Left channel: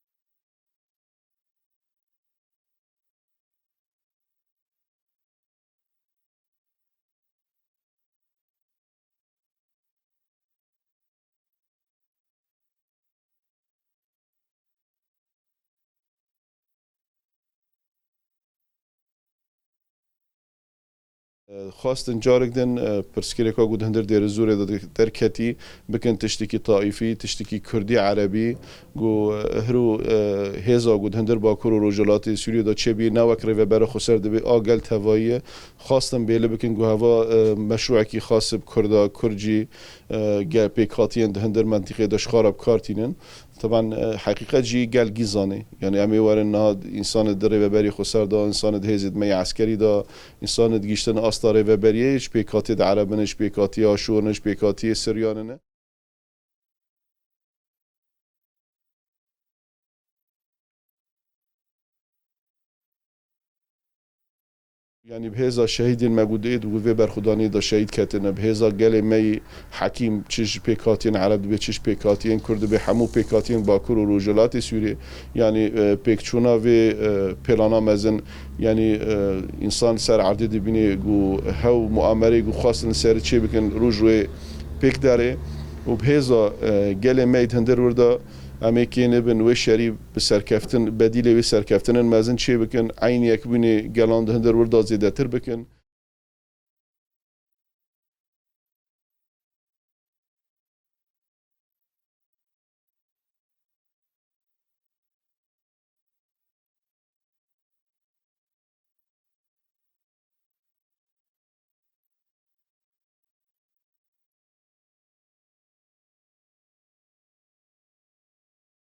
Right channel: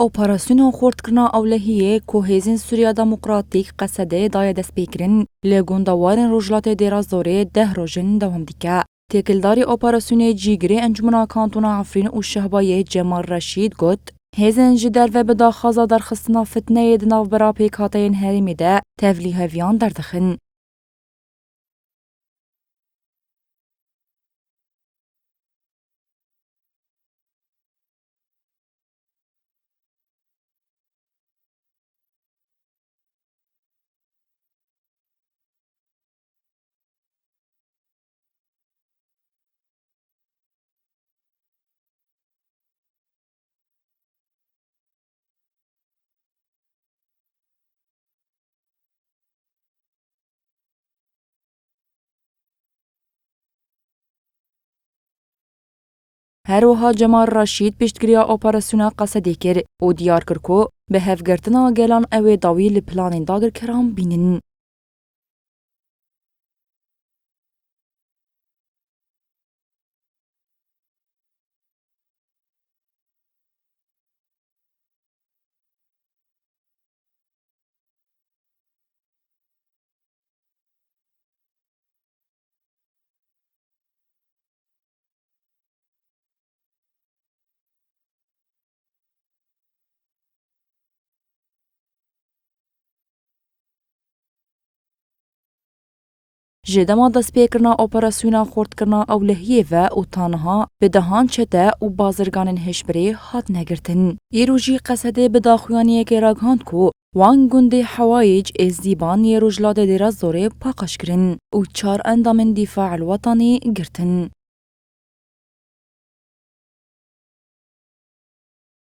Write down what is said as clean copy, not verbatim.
اپراسیون خردکردنا اولهیه که هیزن سوریا دموکراتیک قصده دای دست بکرن لگوندوارن روجلات دیرازوره 10 روزن دوام دیکه. تکلداری اپراسیون جیگری انجمنا کانتونا عفرین و شهبای جمال رشید گوت هیزن جدر و بدا خازا در خستنا فتنه دناو برا پیکاتین هریمی ده تفلی هفیان دردخن. خواستن جارك دن برسكريكا قد هندر دير الزوري در كتي بكن تشتكي طائفي تشتكي كردي عربي قو هرو هيزا قد هندر باكورو روجلاتي سوريا دا تشبي ناوك ريفا برا خسر دبي آقل تهوائيه خواستن بيلي بكن قو هوا مشروعكي خاص بكردا كرجي بيكاتين ده هندر منطقه دا شخارب كارتينن طبعا حقيقة جي قال جيزاني يعني أمي وارن هاد إنسان در وبری خسر دا إنسان هزید می عسکری دا إنسان گیشتن أستار وبریش بيكاتي عربنش بيكاتي آشورنش بيكاتي سرياننه. هر وها جمال رشید پشتگیری اپراسیون قصدی کر و دیار کرکو به هفگرتنا گلان اوی داوی لپلان داگر کرام بینن. يعني بهذا شهيد الموجودين وفي برخداني دا شهيد كاتنا بهذا قال مي حكيم تشج بيكاتين عرب بتشج بيكاتين كرد بحمو بيكاتين باكور وروجلات سوري يعني بيكتشونا في بلانا مزن يعني انسان سر عدد بيني جو هو مؤامره جو خاص سر تشي بكن روجوي بيك داري وبهذا قال مي هندر وردا امریکی نبن و شری بسرکفتن بدیل و سرکفتن مازن چی بکن عین یک بینی گلاند هندر وردا زیاده تر بکن. جدما دست پیکرنا اپراسیون خردکردنا اولهیه و تانها به دهان چته و بازرگان هشبری هات نگرتن. ایروجی قصده به داخوانی که راگهاند کو وان گنده حوایج از دیبان یروجلاد دیراز زوره پاقش کرن و 4 اندام دفاع الوطنی گرتن.